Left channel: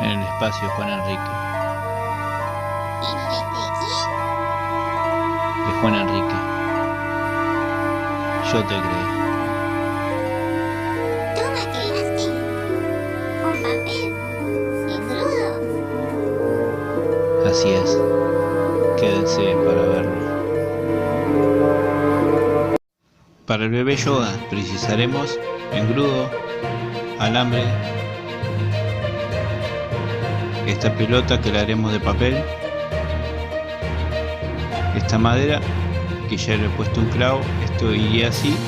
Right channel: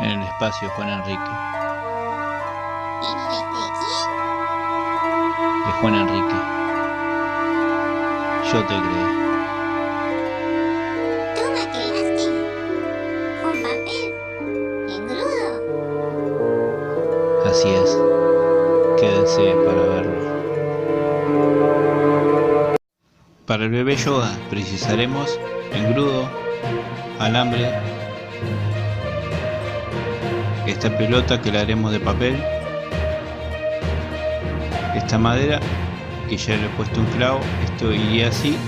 en el espacio, Juan Enrique. ¿En el de quién? De Juan Enrique. Yo te creé. ¿Tú me creaste? ¿Con papel? ¿Engrudo? Así es. Quédense para verlo. Para el bebé yoga precisaremos engrudo, alambre, esta pelota que la haremos de papel, esta madera que ya le he puesto un clavo, esto iría así,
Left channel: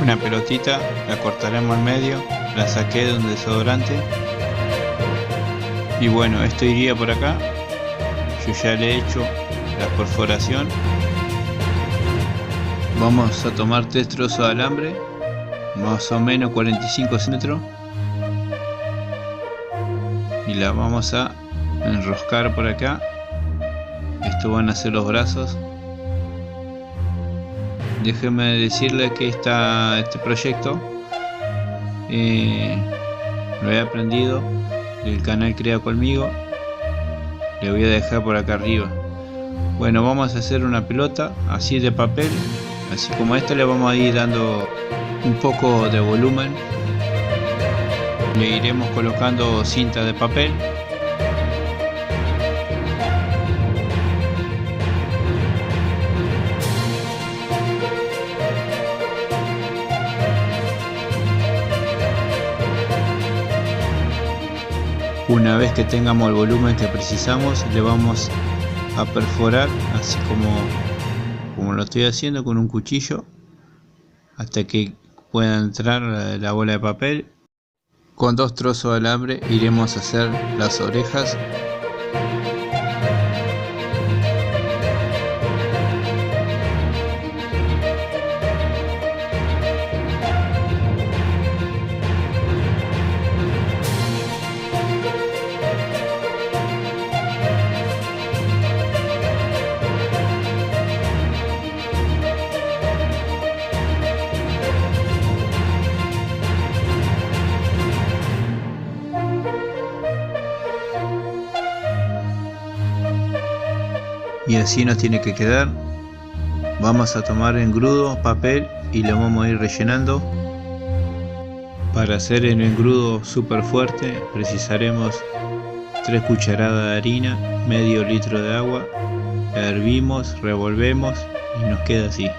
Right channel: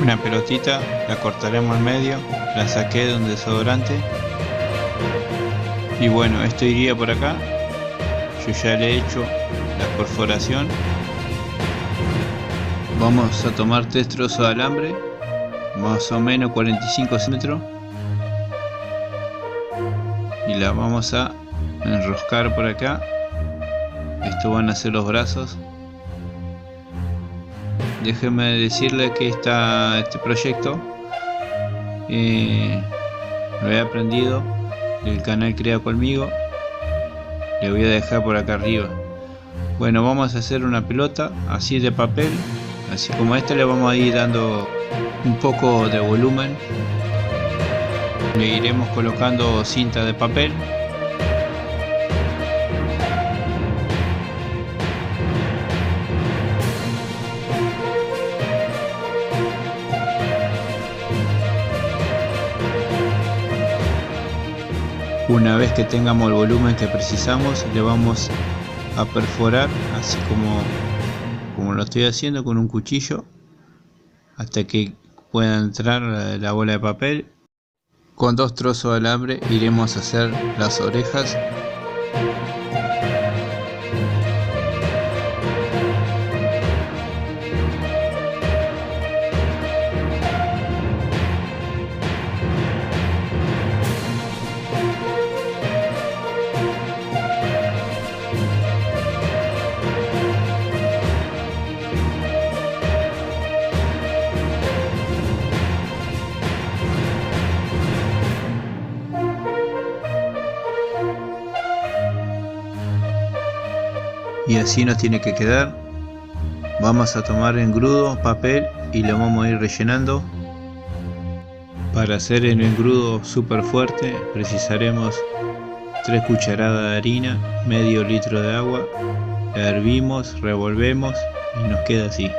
una pelotita, la cortaremos al medio, la saqué de un desodorante y bueno, esto iría por acá. Yo ya le he hecho la perforación. Vamos a tomar 3 trozos de alambre, más o menos 45 centímetros, y la vamos a enroscar por acá. Estos van a ser los brazos. Déjenme decirles que este proyecto lo he aprendido del canal Crea Conmigo. Le voy a dejar por acá arriba. Bueno, vamos a hacer una pelota así de papel, así como esta. Le vamos a ir dando un poco de volumen. Le iremos colocando cinta de papel. Una vez que tengamos el volumen que precisamos, le vamos a perforar así como lo estoy haciendo con un cuchillo, hasta que pueda entrar la bola de papel. Con 2 trozos de alambre iremos a hacer las orejas. Y así nos tiene que quedar. Vamos a tomar engrudo, papel, y lo vamos a ir rellenando. Para hacer el engrudo súper fuerte precisaremos 3 cucharadas de harina, medio litro de agua. La hervimos, revolvemos y nos queda así.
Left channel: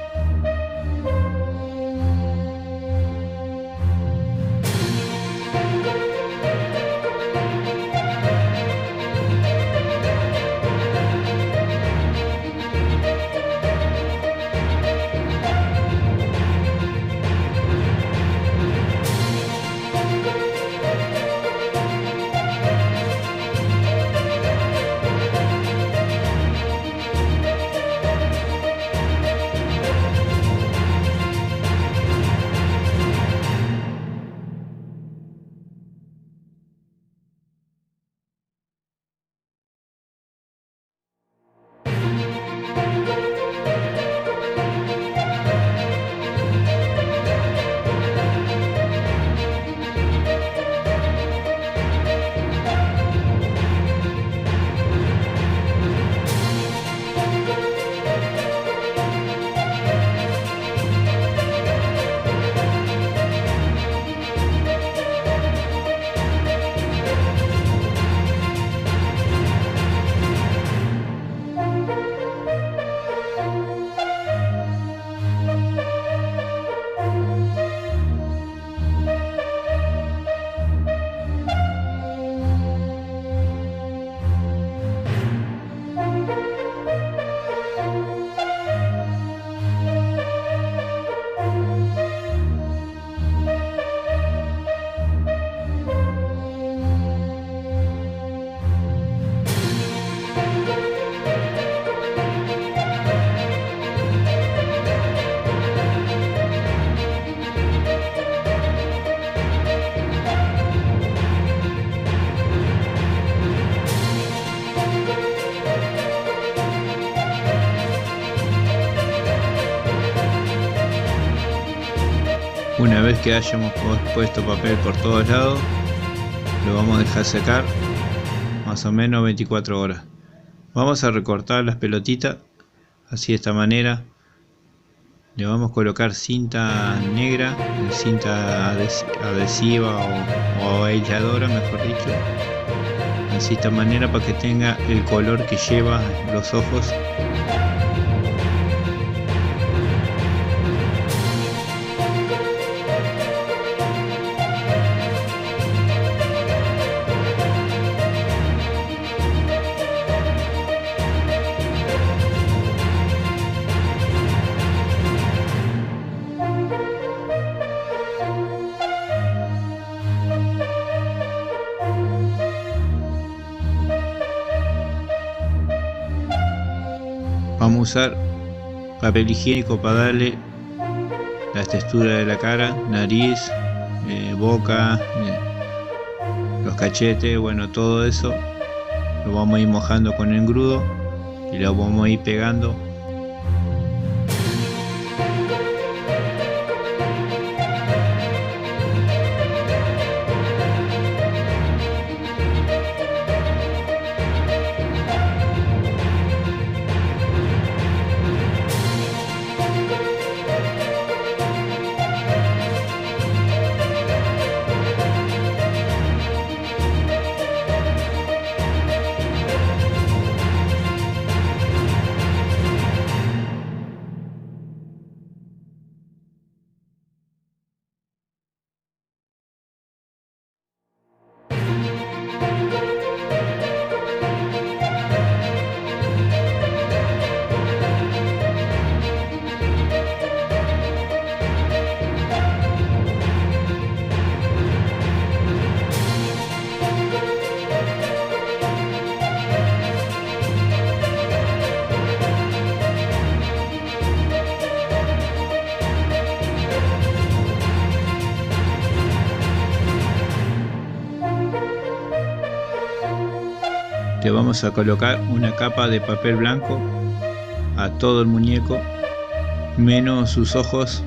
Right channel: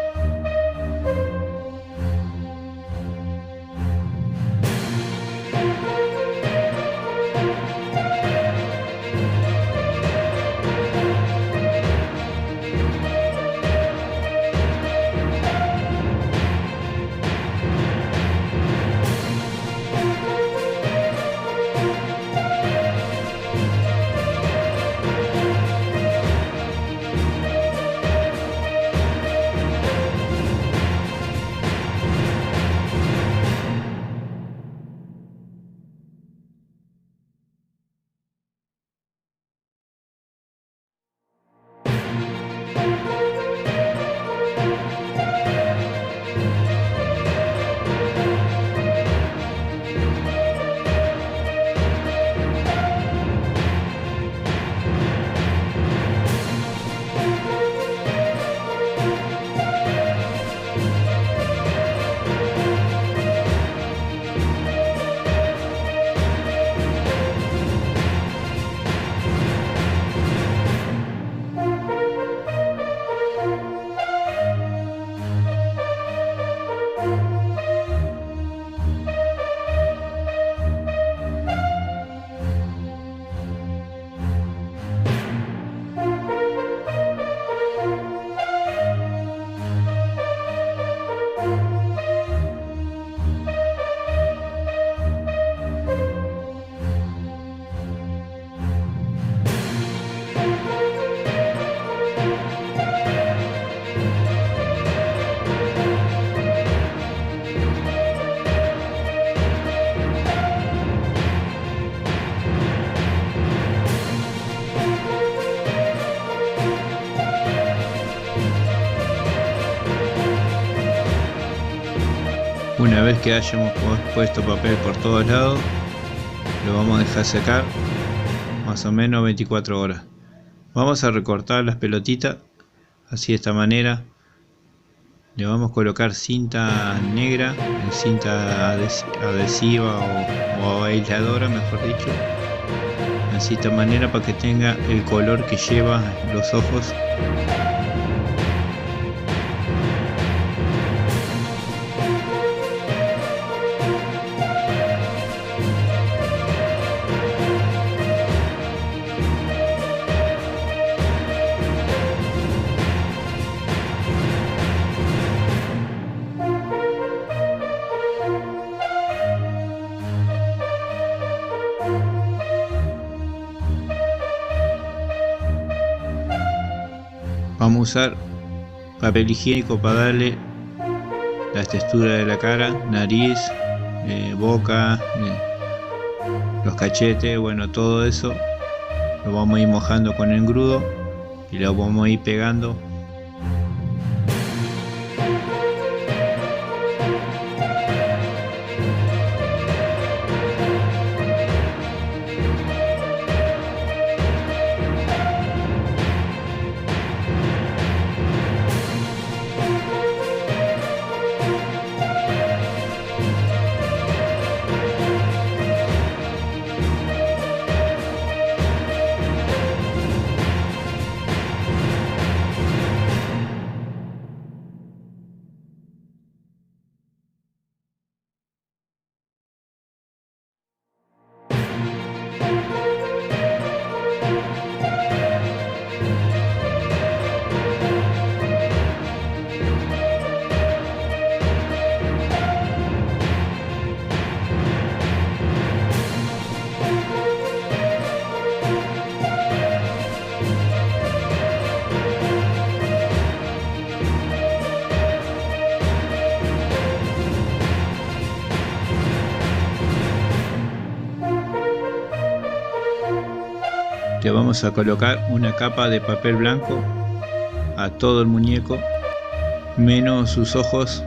Una vez que hayamos puesto papel por todos lados, lo vamos a dejar secar más o menos 24 horas. Vamos a recortar las pelotitas así, de esta manera. Le vamos a colocar cinta negra, cinta adhesiva o aisladora, mejor dicho, así de esta manera, para que tenga el color que lleva los ojos. Vamos a usar papel higiénico para darle la textura de la cara, nariz, boca, los cachetes, bueno, todo eso lo vamos a ir mojando con el engrudo y lo vamos a ir pegando. Le vamos a colocar una capa de papel blanco a todo el muñeco, menos sus ojos.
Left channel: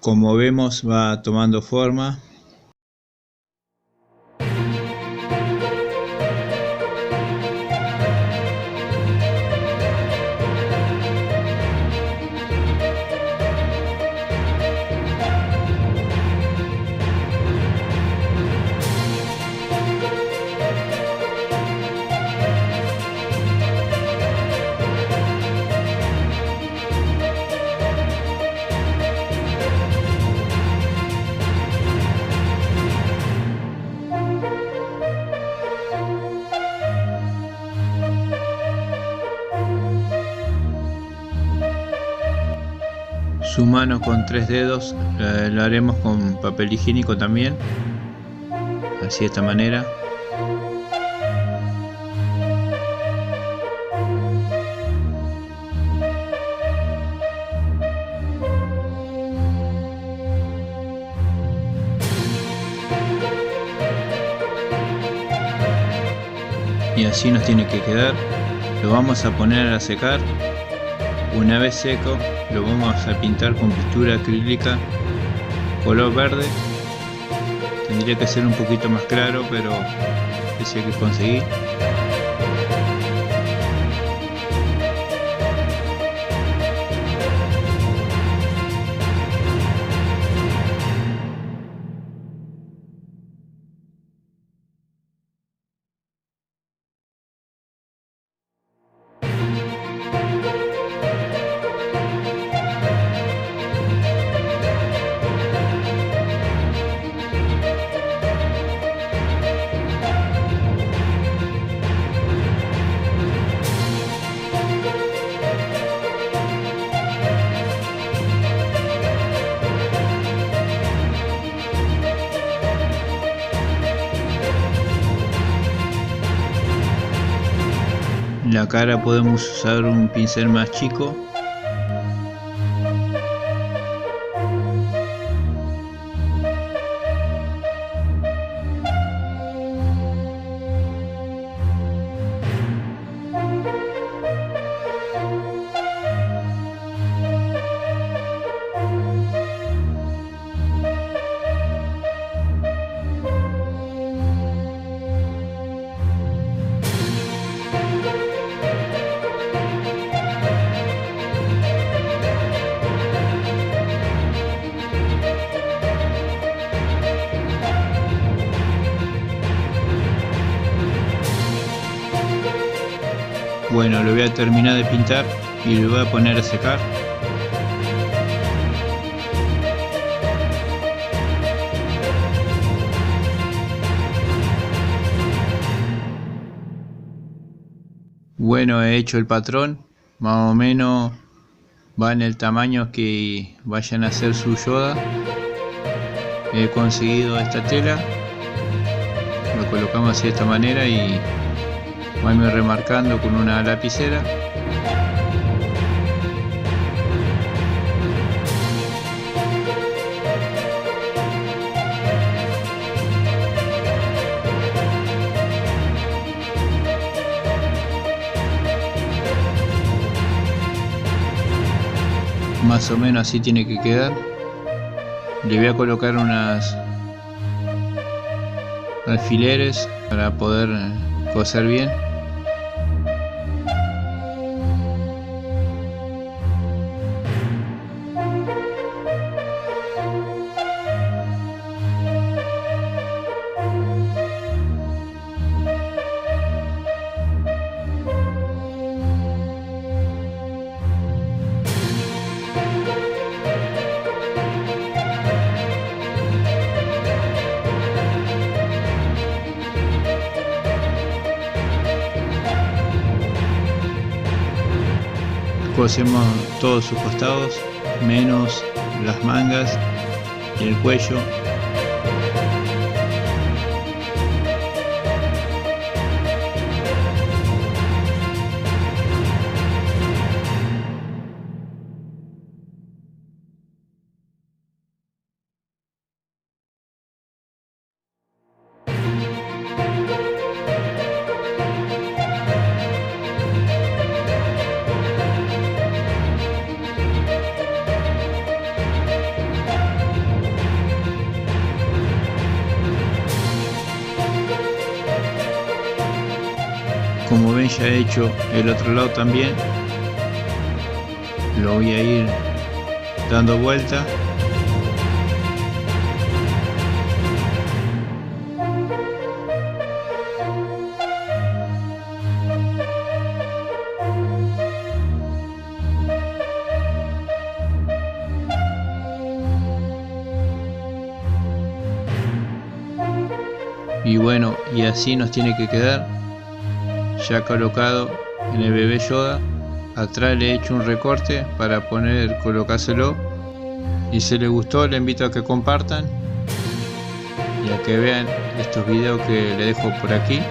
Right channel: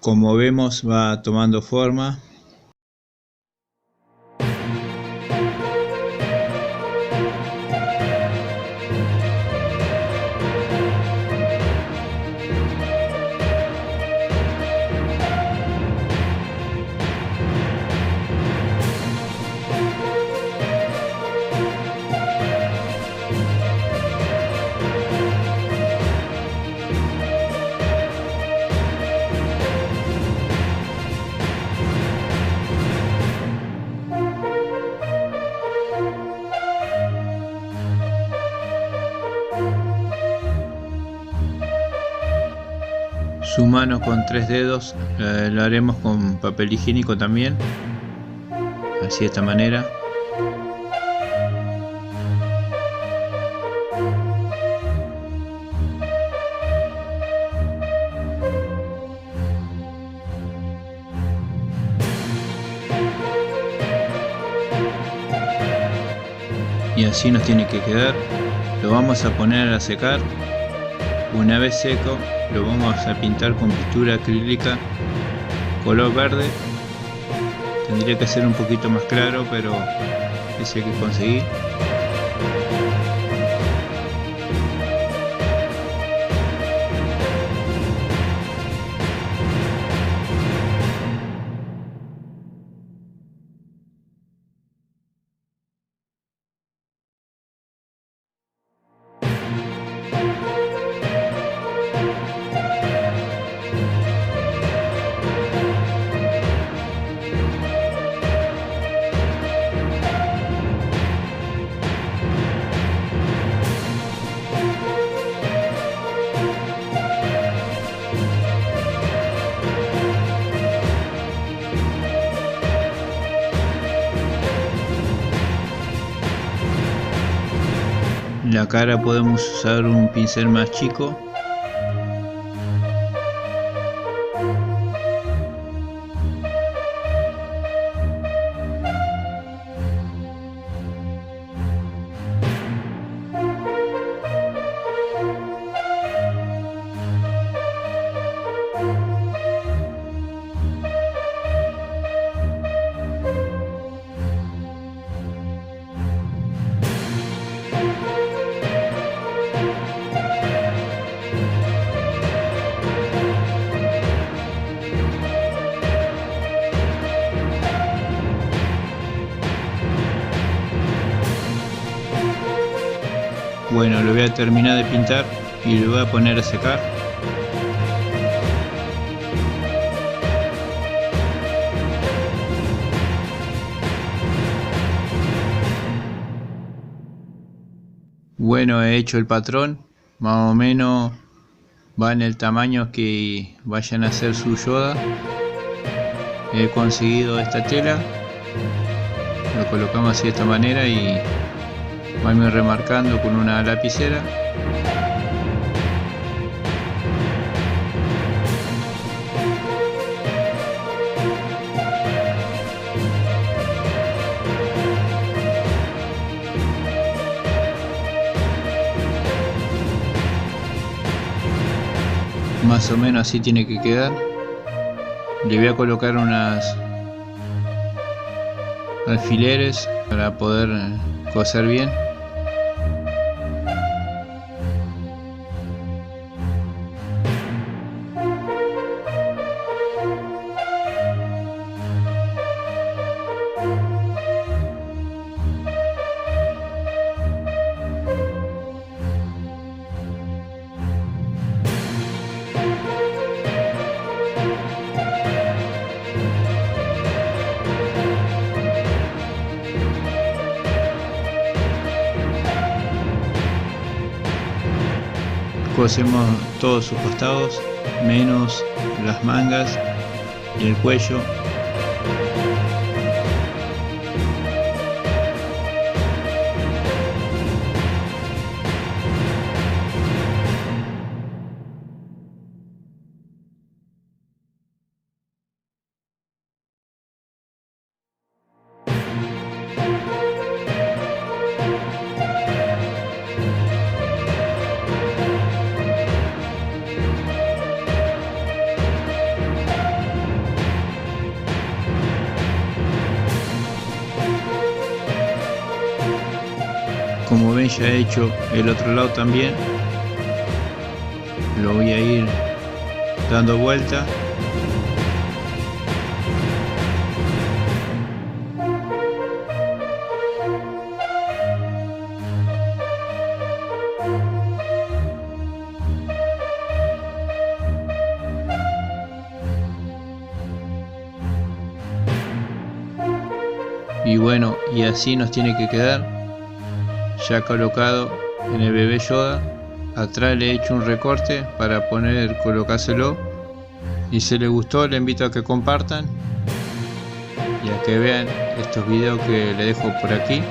Como vemos, va tomando forma. Su mano con 3 dedos la haremos con papel higiénico también, así de esta manera. Y así nos tiene que quedar. Lo vamos a poner a secar. Una vez seco, lo vamos a pintar con pintura acrílica color verde. Tendría que ser un poquito más claro, pero ese hay que conseguir. La cara podemos usar un pincel más chico. Bueno, lo voy a terminar de pintar y lo voy a poner a secar. Bueno, he hecho el patrón, más o menos va en el tamaño que vayan a hacer su Yoda. He conseguido esta tela, lo colocamos así de esta manera y vamos remarcando con una lapicera. Más o menos así tiene que quedar. Le voy a colocar unas alfileres para poder coser bien. Cosemos todos sus costados, menos las mangas y el cuello. Como ven, ya he hecho el otro lado también. Lo voy a ir dando vuelta. Y bueno, y así nos tiene que quedar. Ya colocado en el bebé Yoda. Atrás le he hecho un recorte para colocárselo. Y si les gustó, les invito a que compartan y a que vean estos videos que les dejo por aquí.